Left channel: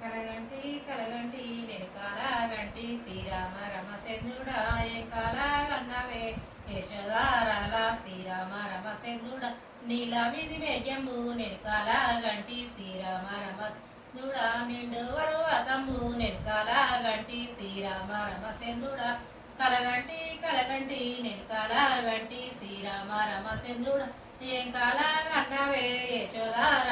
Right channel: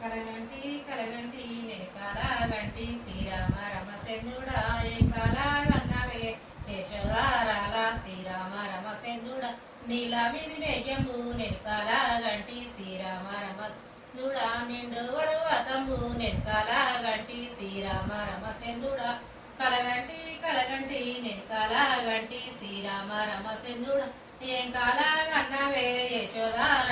కలగంటి కలగంటి నేను కాలాగంటి శ్రీరామ రమసేంద్రుడా ఏం కాలాగన్నవే యశోదారాల శ్రీరామ రమసేంద్రుడా నీల విధి మేఘంబు నేను కాలాగంటి శ్రీరామ రమసేంద్రుడా నిండు వరువతంబు నేను కాలాగంటి శ్రీరామ రమసేంద్రుడా కలగంటి కలగంటి నేను కాలాగంటి శ్రీరామ రమసేంద్రుడా ఏం కాలాగన్నవే యశోదారాల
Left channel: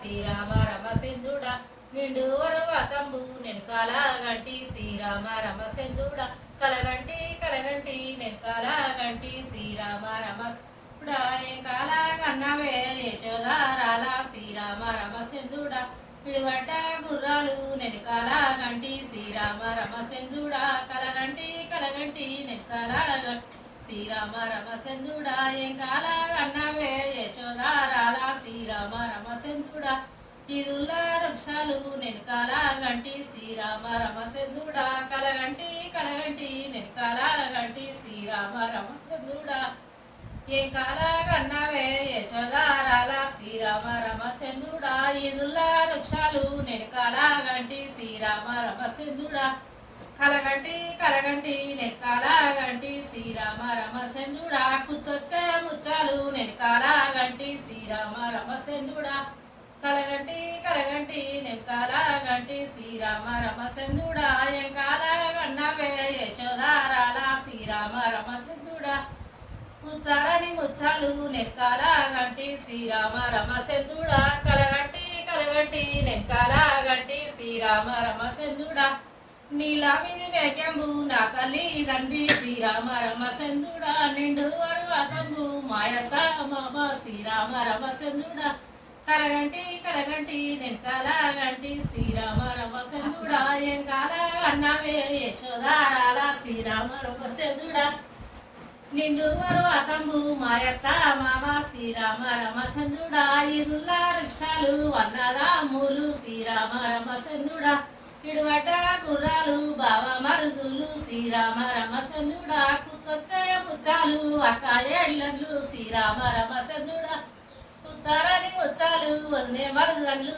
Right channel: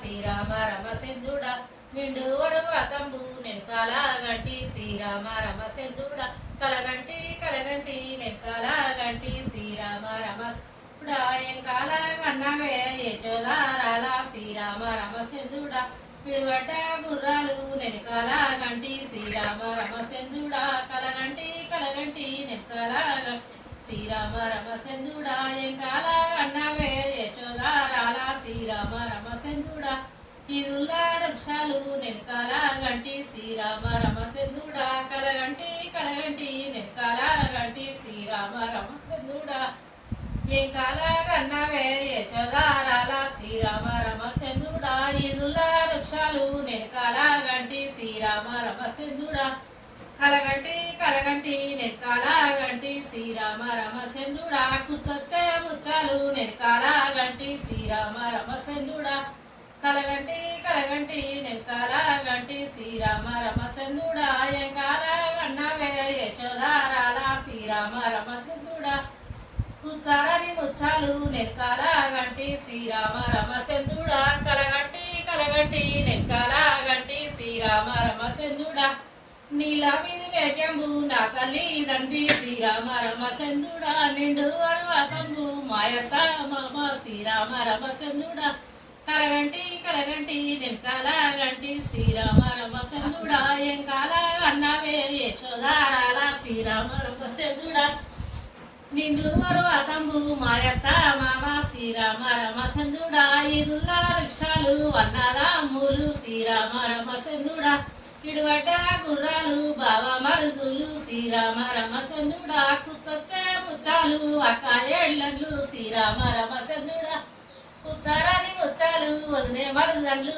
శ్రీరామ రమసేంద్రుడా నిండు వరువతంబు నెనకాల గంటి. శ్రీరామ రమసేంద్రుడా కలగంటి కలగంటి నెనకాల గంటి. శ్రీరామ రమసేంద్రుడా ఏం కాలాగన్నవే యశోదారాల. శ్రీరామ రమసేంద్రుడా పిడిగడ్డ గుర్రాలు నెనకాల గంటి. శ్రీరామ రమసేంద్రుడా కలగంటి కలగంటి నెనకాల గంటి శ్రీరామ రమసేంద్రుడా ఏం కాలాగన్నవే యశోదారాల. యశో రమసెందుడా ఇరుల వృక్షాలు నెనకాల గంటి శ్రీరామ రమసెందుడా కలగంటి కలగంటి నెనకాల కాలాగంటి శ్రీరామ రమసెందుడా ఏ కాలాగన్నవే యశోదారాల శ్రీరామ రమసెందుడా ఇరుల వృక్షాలు నెనకాల గంటి శ్రీరామ రమసెందుడా కలగంటి కలగంటి నెనకాల గంటి శ్రీరామ రమసెందుడా కుచ్చొచ్చే ముచ్చాలు నెనకాల గంటి శ్రీరామ రమసెందుడా కలగంటి కలగంటి నేను కాలాగంటి శ్రీరామ రమసేంద్రుడా ఏం కాలాగన్నవే యశోదారాల శ్రీరామ రమసేంద్రుడా ముచ్చారని ముచ్చాలు నేను కాలాగంటి శ్రీరామ రమసేంద్రుడా కలగంటి కలగంటి నేను కాలాగంటి శ్రీరామ రమసేంద్రుడా నీలా విని మేకంబు నా తల్లి తండ్రి శ్రీరామ రమసేంద్రుడా నిండు అరువకంబు మాయత మామ శ్రీరామ రమసేంద్రుడా కలగంటి కలగంటి నేను కలగంటి శ్రీరామ రమసేంద్రుడా ఏం కాల అన్నవే యశోదారాల శ్రీరామ రమసేంద్రుడా నిండు అతంబు మాయత్త మామ శ్రీరామ రమచంద్రుడా ఇరుల వృక్షాలు వన్నరాములు శ్రీరామ రమచంద్రుడా ఇడువట గుర్రాలు బావ మరుదులు శ్రీరామ రమచంద్రుడా కూర్చొచ్చే ముచ్చాలు అక్క ఏళ్ళన్లు శ్రీరామ రమచంద్రుడా కూర్చారని ముచ్చాలు వదిలే మరుదండ్లు